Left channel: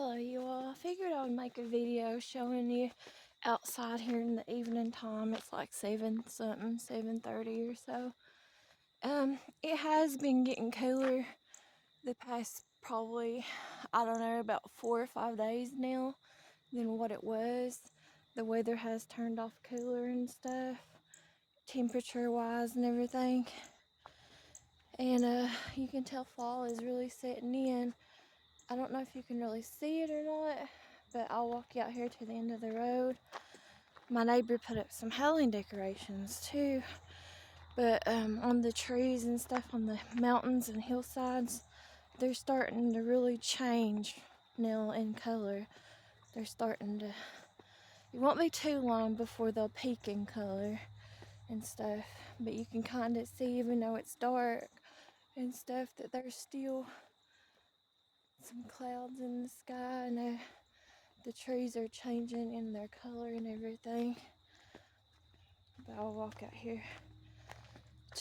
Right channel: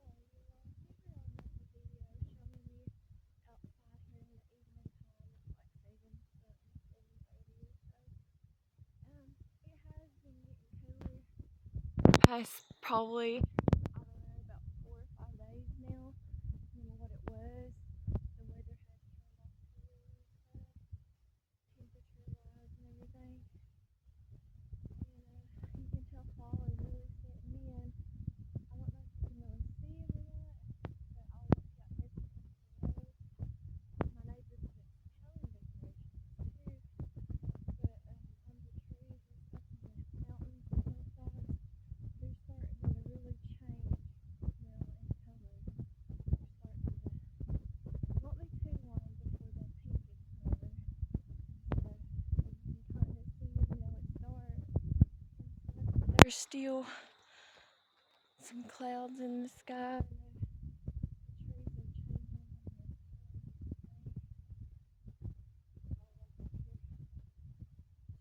Hello you all. I figured I would make a video showing you outside here in the evening time. It's like 7:30 or so. It has been getting cooler the past probably, I don't know, about 4 or 5 days now than what it was. The weather has turned off cooler and stuff, temperature wise and everything. And you can tell fall is really setting in. I don't know if you can really see it or not, but I'll walk you out here to the end of the road. My neighbor put up some Halloween decorations too, but on the trees and stuff on the mountains and hillsides, they're starting to really change now in color. They're starting to, it won't be too long before they'll peak in color and stuff, but you can kind of see, even though it's dark and stuff, that there's still some clouds in the sky, and the trees are changing in their color and everything. But I'll walk out here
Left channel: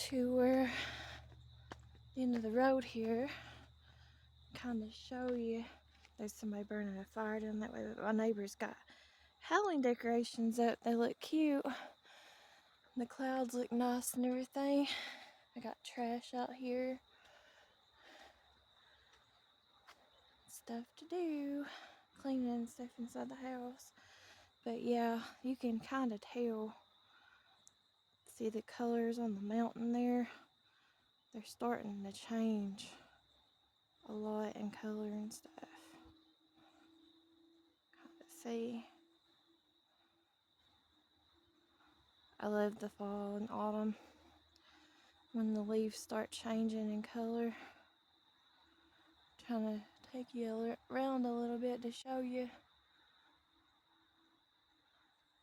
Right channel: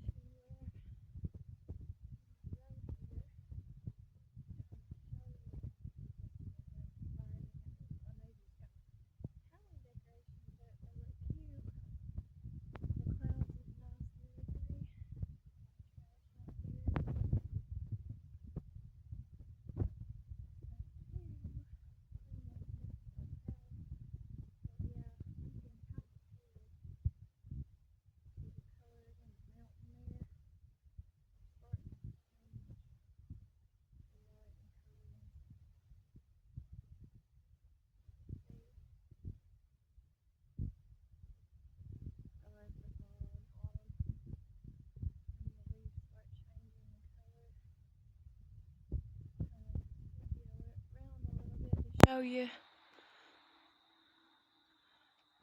to where the end of the road here, kind of show you. There's somebody burning a fire down that way, but my neighbor's got Halloween decorations up. They look cute. The clouds look nice and everything. I got trash out here. Stuff to do. Cleaning and stuff inside the house. But yeah, you can kind of tell. See the colors on the mountain there? They're starting to change a lot in color and stuff. Kind of see. I love the fall and autumn when the leaves start changing in color. Trying to take you around a little bit to show you.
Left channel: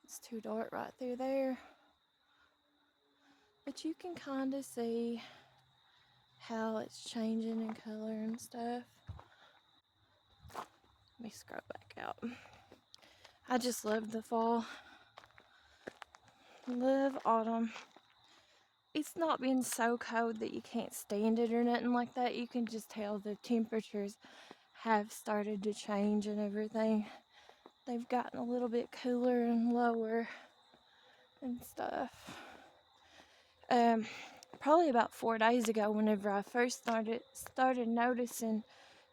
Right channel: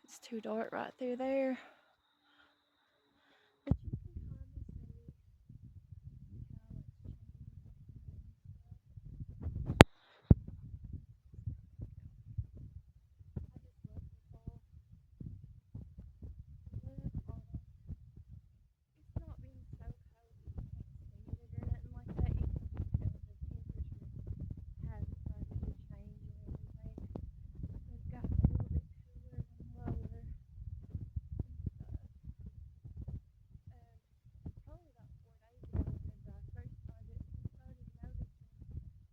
It's too dark right through there, but you can kind of see how it's changing in color and stuff. Let me scrub back out. I just love the fall. Love autumn. It's not been so cold that you can't stand it or nothing like that. You can just tell the temperatures have started to change and everything. They've gotten a little bit cooler and lower and stuff. Probably about 4 days ago, whenever I first started noticing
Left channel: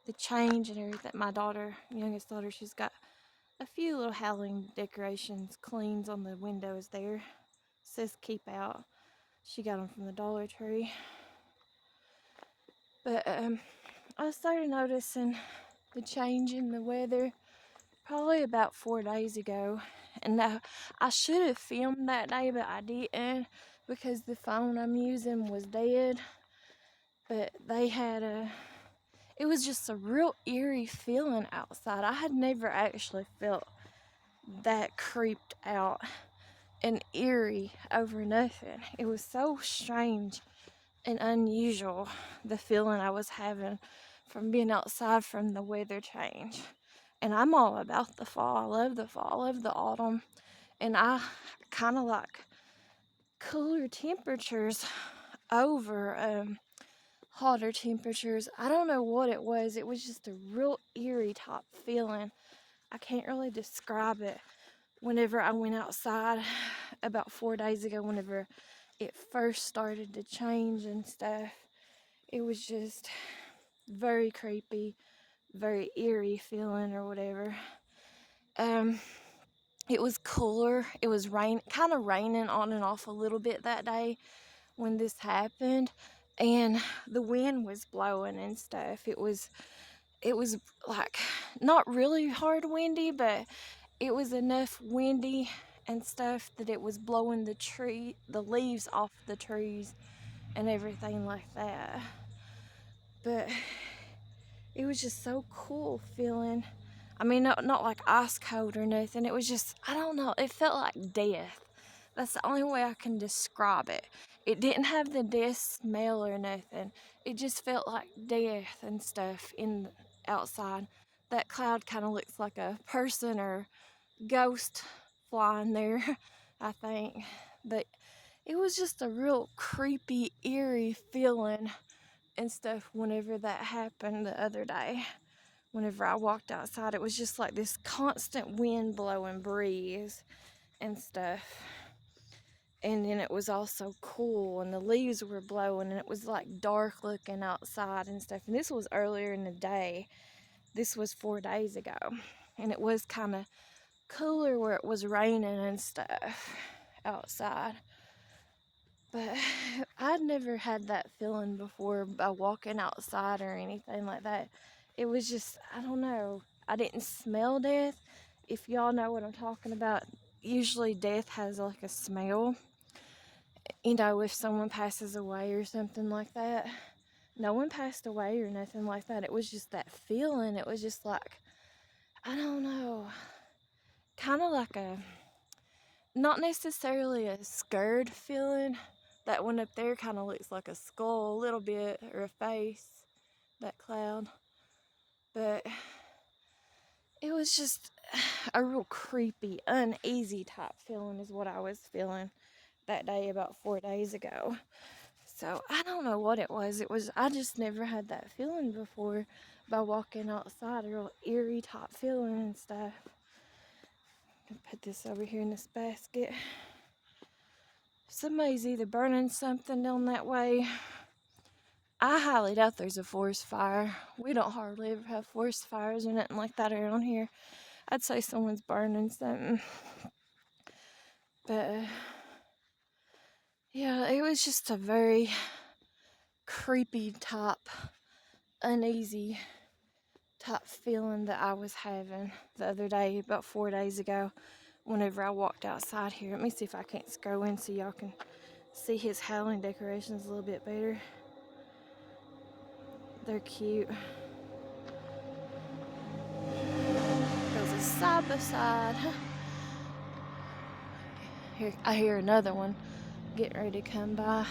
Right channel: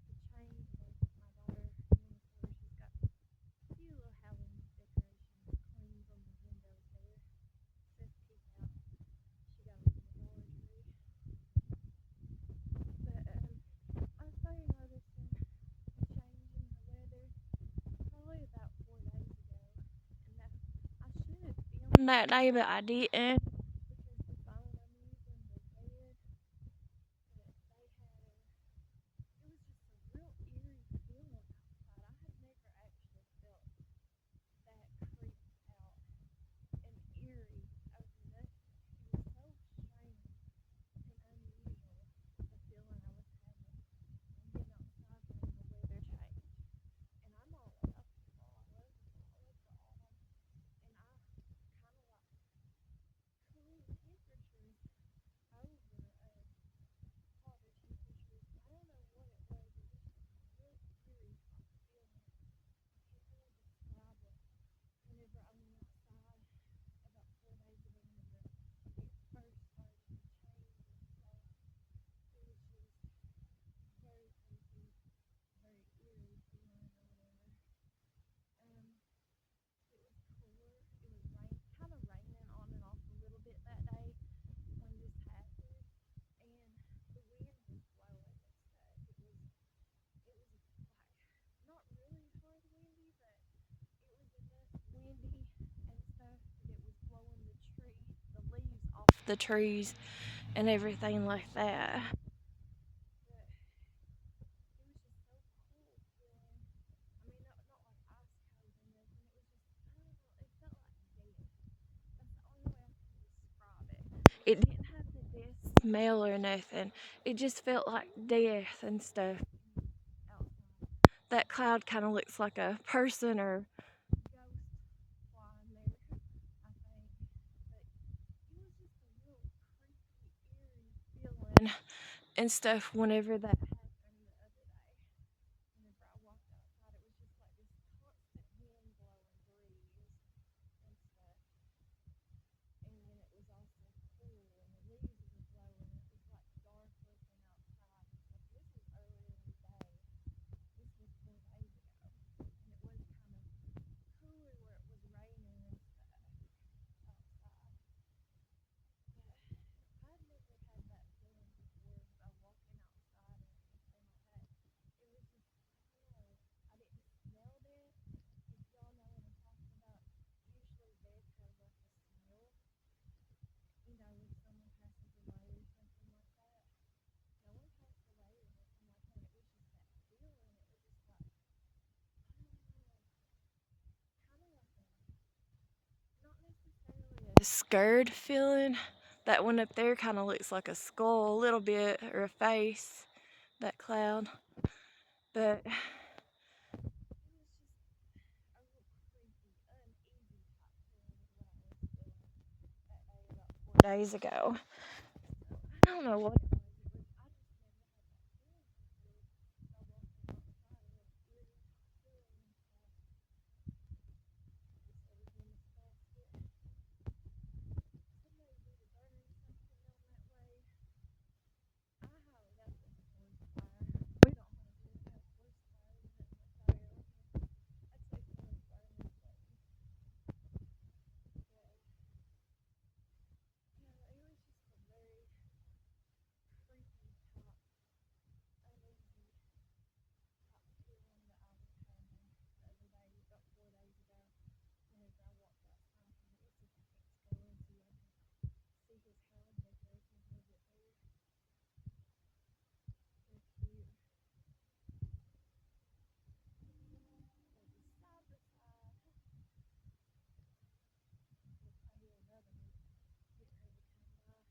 the change and everything. My daughter, youngest daughter, she's got a few little Halloween decorations, cleans on the windows there. It says keep out. She got them from the Dollar Tree. But I started noticing the change in the weather probably about 4 days ago. And I should have filmed that day, but I didn't because the phone I'm using was dead. But they had it was just a real eerie feeling outside. I had never actually felt that creeped out and eerie over nothing. It was so strange and unusual, the feeling I was having from being outside from the weather change. And I'm all about the fall. I love the fall. I love the autumn. And I kind of like cooler temperatures over hotter temperatures. I don't know what it was. It was just a real eerie type feeling. I can't really describe it. Whenever I went outside about 4 days ago, whenever it first started to change and stuff, it was just very creepy, very eerie feeling or whatever. It was cooler. It was kind of raining on and off a little bit that day when this happened, and the wind was blowing and stuff. It was like not really hard windy, but it was enough windy and stuff that it was blowing the leaves off the trees and everything like that. But it was just so cool feeling. I mean, not like ice cold or nothing. It was just, I don't know, it felt like death. That's the only way I can describe it. It didn't have the death smell or nothing. It just felt like death and stuff outside. That cloud kind of looks like a person or ghost flying there, I think. But it was just a real creepy, eerie feeling and stuff whenever that happened the other day. whenever I walked outside. It was just like this constant wind blowing breeze and stuff. And then it was also cool, and the leaves were blowing, and it was like dark looking outside and stuff. And this was earlier in the day. This was 4 days ago, and it was kind of cooler where it was raining and stuff outside. But I'd never had that feeling before by walking outside or anything like that. It was just, I don't know, I didn't smell death. If y'all know what I'm talking about, usually death has like a smell. You know, if someone passes away or something like that. No one passed away or nothing like that. It was just that feeling. It was just like, I don't know, kind of like a, not necessarily a scared feeling. That one up there kind of looks like a skull a little bit, or a face, that cloud. But it was just a real creepy, uneasy type feeling is what I was feeling that day about 4 days ago. So I don't know what it was. I just never had that feeling before by walking outside, a real eerie type feeling and stuff. Put this over here in this basket. Somebody's either burning something down that way. I highly doubt there's a forest fire. We don't hardly ever have forest fires or nothing like that around here. I'd say someone's burning something. But yeah, it was just a very creepy type, uneasy type feeling that I was having the other day, about 4 days ago, whenever I walked outside here. Let me see if I can't go in so y'all can see his Halloween decorations a little bit better. They're cute. Goes a side by side. Here, I hear another one getting ready to come by.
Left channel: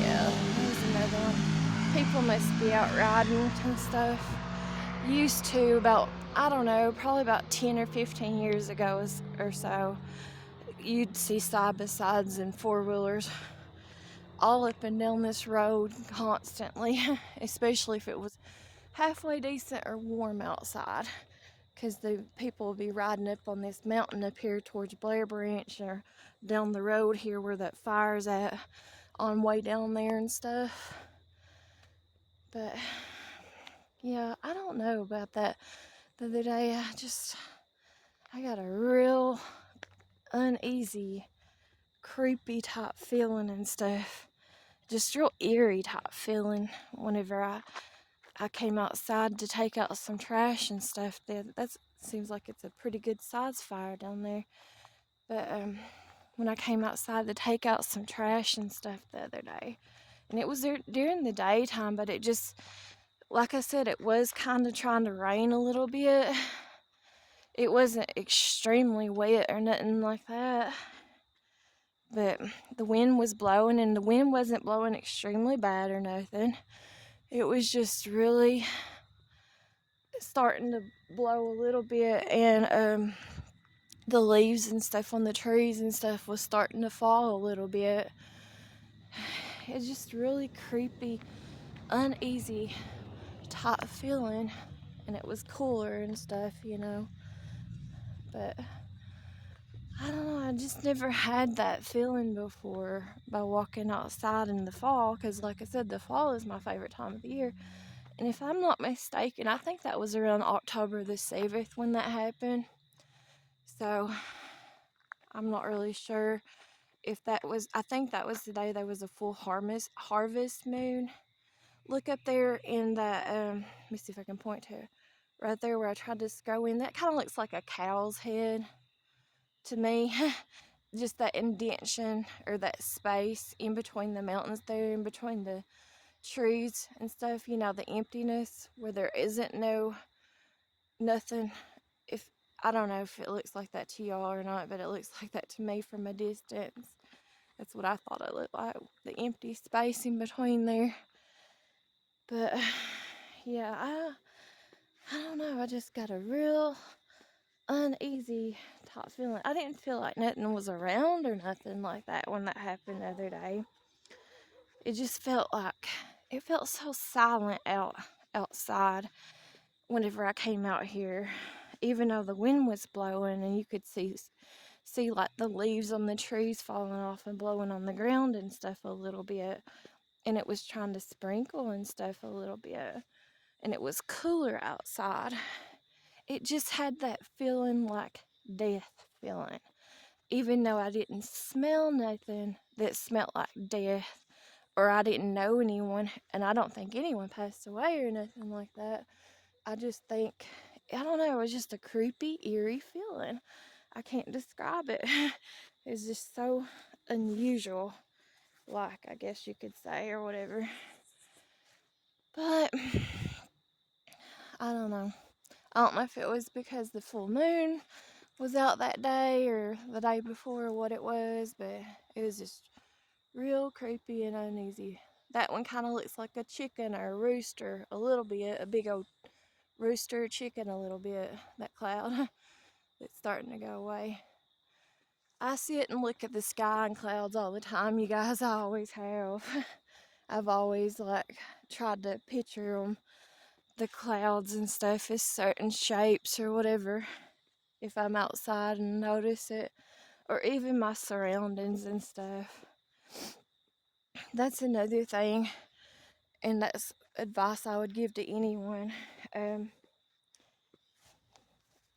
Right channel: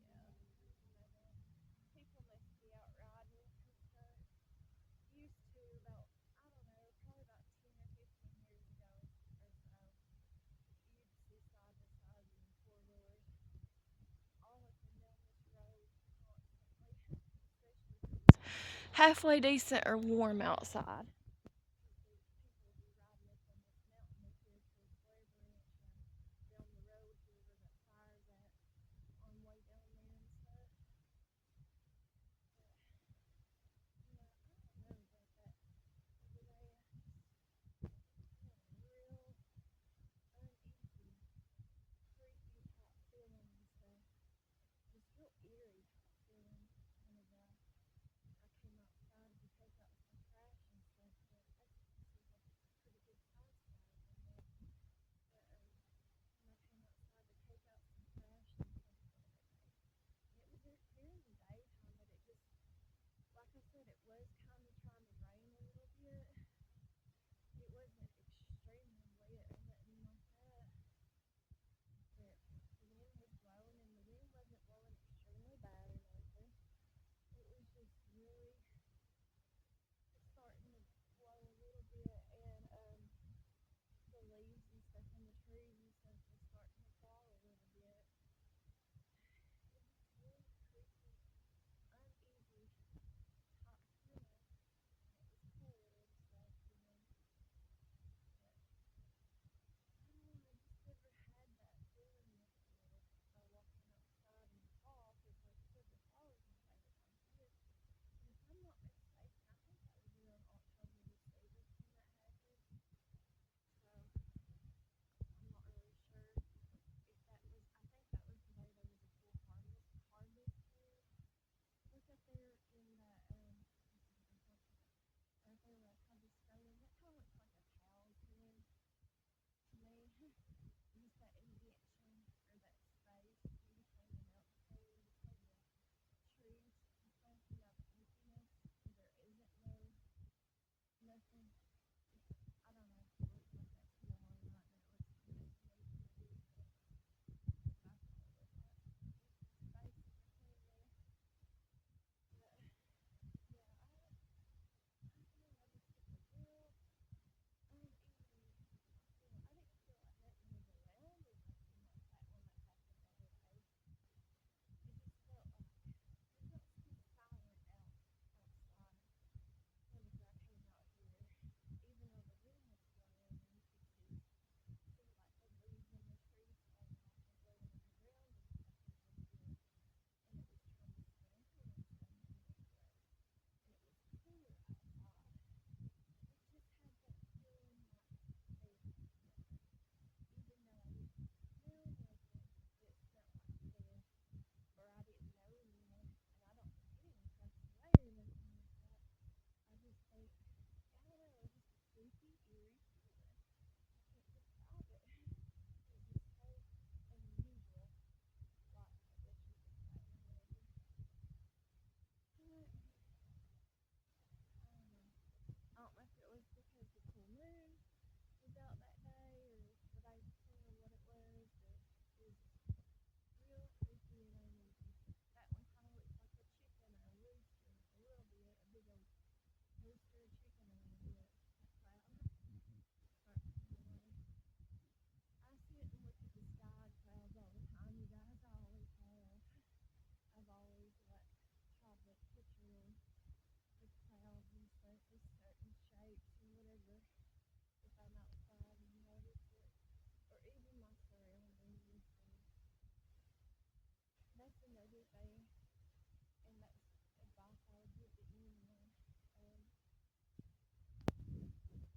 Yeah, there's another one. People must be out riding and stuff. Used to, about, I don't know, probably about 10 or 15 years ago or so, you'd see side by sides and four-wheelers all up and down this road constantly, especially if it was halfway decent or warm outside, because the people will be riding up on this mountain up here towards Blair Branch, or down the road here where that fire's at, on way down there and stuff. But yeah, I don't know about that. The other day I got a real uneasy, creepy type feeling and stuff, just real eerie type feeling whenever I came outside to take out some trash and stuff. That seems like it's a pretty good size fire down there. But when I came outside to take out some trash and stuff the other day, and it was there during the daytime, but it just, like I said, it was kind of trying to rain a little bit. It wasn't extremely wet or nothing like that, but the wind was blowing, and the wind wasn't blowing extremely bad or nothing. It was just really starting to blow a little bit, and the leaves and stuff on the trees and stuff was starting to fall a little bit. It's just really creepy, uneasy type feeling, and it was cooler and stuff, you know. But I don't know, I just never had that feeling before by walking outside in the fall, because like I said, the fall is my favorite time of the year. And if I'm not mistaken, I think that was around October the 7th when that happened. So I'm not really sure if that was, I think that was the day there was a full harvest moon. Look up there in that, let me see if I can point to it. Right there where I tried to go in, that kind of looks like a cow's head to me. Just that indentation, or that space in between the mountains there, in between the trees and stuff, you know, the emptiness where there isn't nothing. If I don't know if it looks like that to y'all or not, but it looks like that to me from a distance. That's what I thought it looked like, the empty space in between there. But yeah, I don't know, I just got a real uneasy type feeling. I didn't feel like nothing was around or nothing like that when that happened the other day. It just felt like, it felt so silent out outside whenever I came out here, even though the wind was blowing and you could see like the leaves on the trees falling off and blowing on the ground and stuff a little bit, and it was trying to sprinkle and stuff a little bit, and it was cooler outside. It just had that feeling like death feeling, even though I didn't smell nothing that smelled like death, or I didn't know anyone, and I don't think anyone passed away or nothing like that. I just think, I don't know, it was just a creepy, eerie feeling. I can't describe it. It's just so unusual, like, I guess you could say, or whatever. But I don't know. I don't know if it was because the full moon was out that day or the day before or what it was, but it was just real creepy and uneasy. That one kind of looks like a chicken or a rooster a little bit, a big old rooster chicken a little bit, that cloud that's starting to go away. I sit and look at the sky and clouds all the time, you guys. I always have. I've always tried to picture them, the clouds and stuff, as certain shapes or whatever, if I'm outside and notice it, or even my surroundings and stuff. That's another thing, and that's advice I would give to anyone.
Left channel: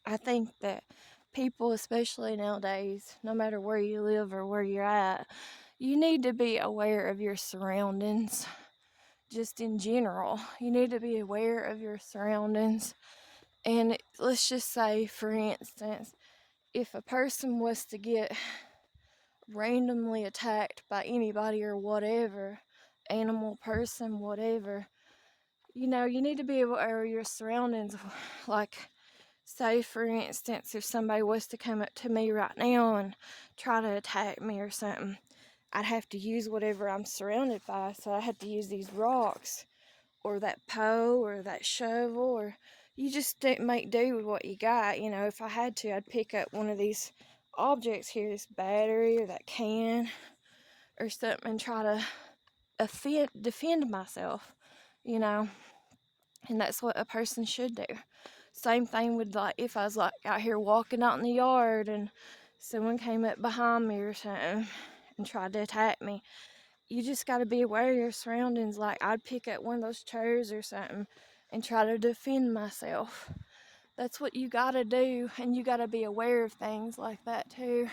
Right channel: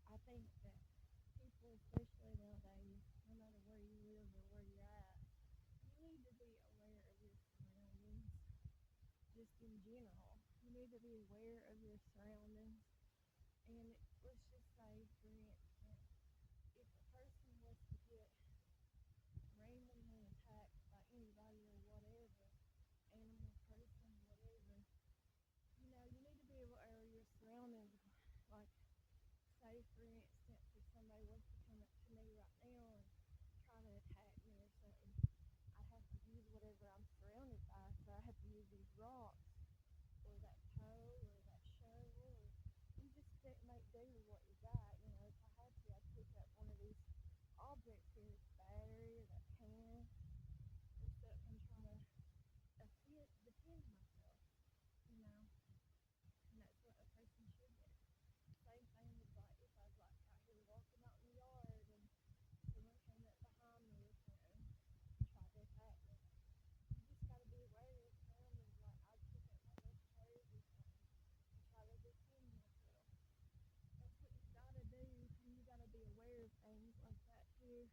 I think that people, especially nowadays, no matter where you live or where you're at, you need to be aware of your surroundings. Just in general, you need to be aware of your surroundings. And let's just say, for instance, if a person was to get randomly attacked by anybody or whatever, animal, person, whatever, you need to be aware of your surroundings. Like, say, for instance, if somebody was to come up to me right now and try to attack me or something, I'd have to use whatever I'm surrounded by. So I have to use these rocks or that hoe or that shovel, or you just make do with what you got. If I had to, I'd pick up one of these objects here, this battery or that can or something, and try to defend myself, and that's what a person should do. Same thing with, if I was out here walking out in the yard and someone came up behind me or something and tried to attack me. You just got to be aware of your surroundings. I'd pick up one of those chairs or something and try to defend myself. That's what you got to do, and you got to be aware of things like that too.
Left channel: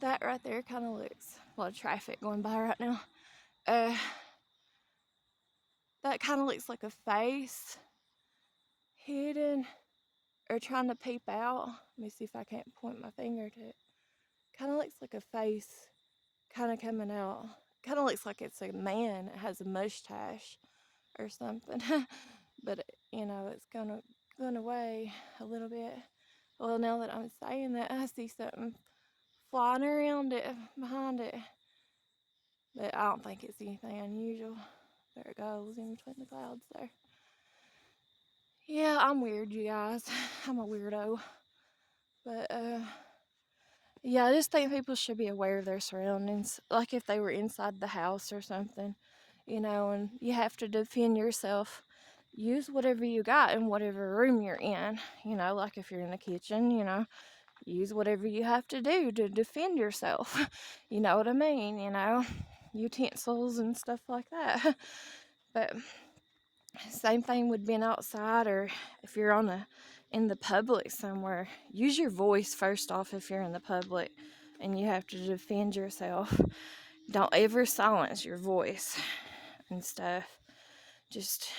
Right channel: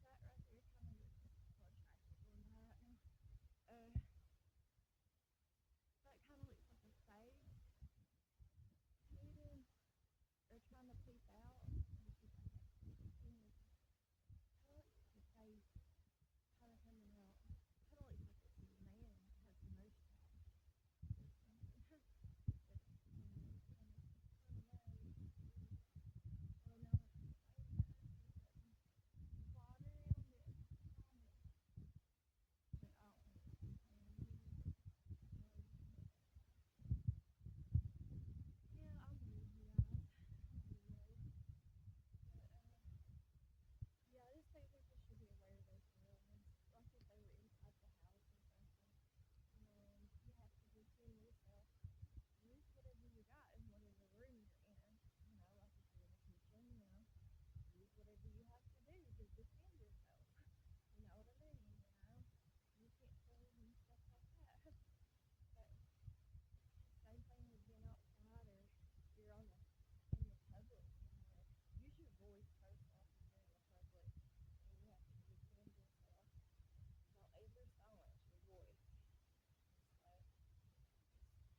That right there kind of looks a lot of traffic going by right now. That kind of looks like a face hidden or trying to peep out. Let me see if I can't point my finger to it. Kind of looks like a face kind of coming out. Kind of looks like it's a man. It has a mustache or something. But, it's going away a little bit. Well, now that I'm saying that, I see something flying around it, behind it. But I don't think it's anything unusual. There it goes in between the clouds there. Yeah, I'm weird, you guys. I'm a weirdo. But, yeah, I just think people should be aware of their surroundings. Like if they were inside the house or something, and you have to defend yourself. Use whatever you got in whatever room you're in. Like if you're in the kitchen, use whatever you have to do to defend yourself. You know what I mean? Utensils and stuff like that. But same thing with being outside, or if you're in the public somewhere. Use your voice first off if you're in the public and you have to defend yourself. Don't ever silence your voice and stuff. Just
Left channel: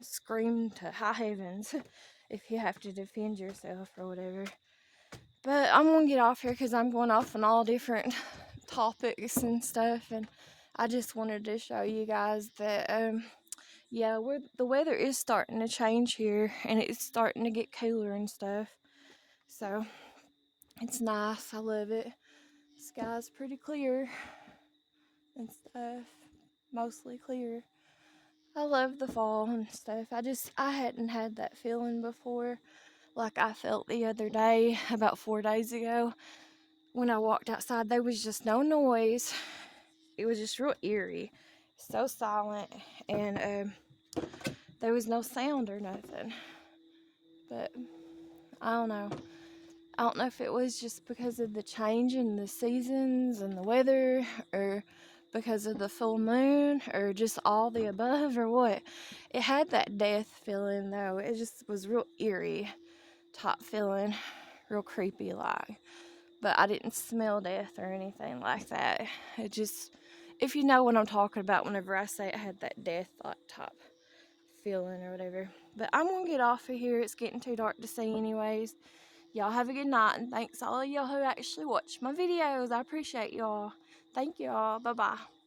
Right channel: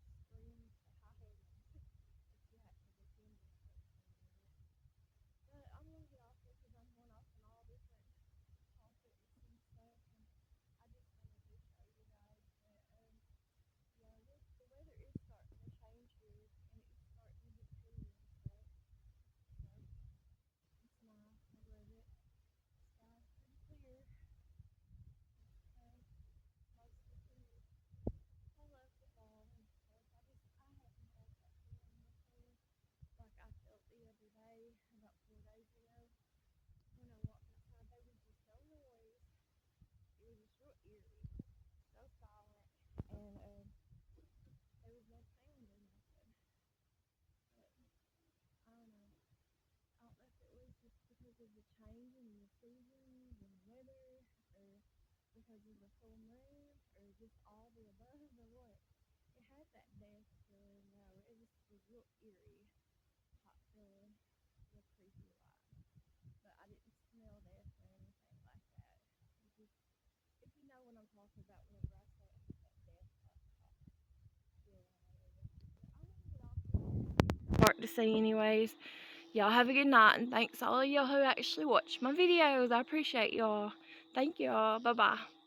scream to high heavens if you have to defend yourself or whatever. But I'm gonna get off here because I'm going off on all different topics and stuff, and I just wanted to show you guys that the weather is starting to change here, and it's starting to get cooler and stuff. So it's nice. I love it. The sky's pretty clear and stuff. Mostly clear. I love the fall and stuff. I hadn't had that feeling before, like I felt the other day, about 4 days ago. When I walked outside, there was just no noise. It was just real eerie. So silent. And there was no sound or nothing. But I don't know. I don't know if it was just because of the change in the seasons and the weather, or because of the full moon, or just all the above, or what. It had that death feeling though. It just was real eerie type feeling, real creepy like. But I didn't smell death or anything like that. It just, if you know what I'm talking about whenever I say it had that death like type feeling or whatever. But I'm gonna get off of here. It's getting too dark to see anyways. Y'all have a good night, and thanks all of y'all who actually watch my videos. I appreciate y'all. Thank y'all. Bye bye.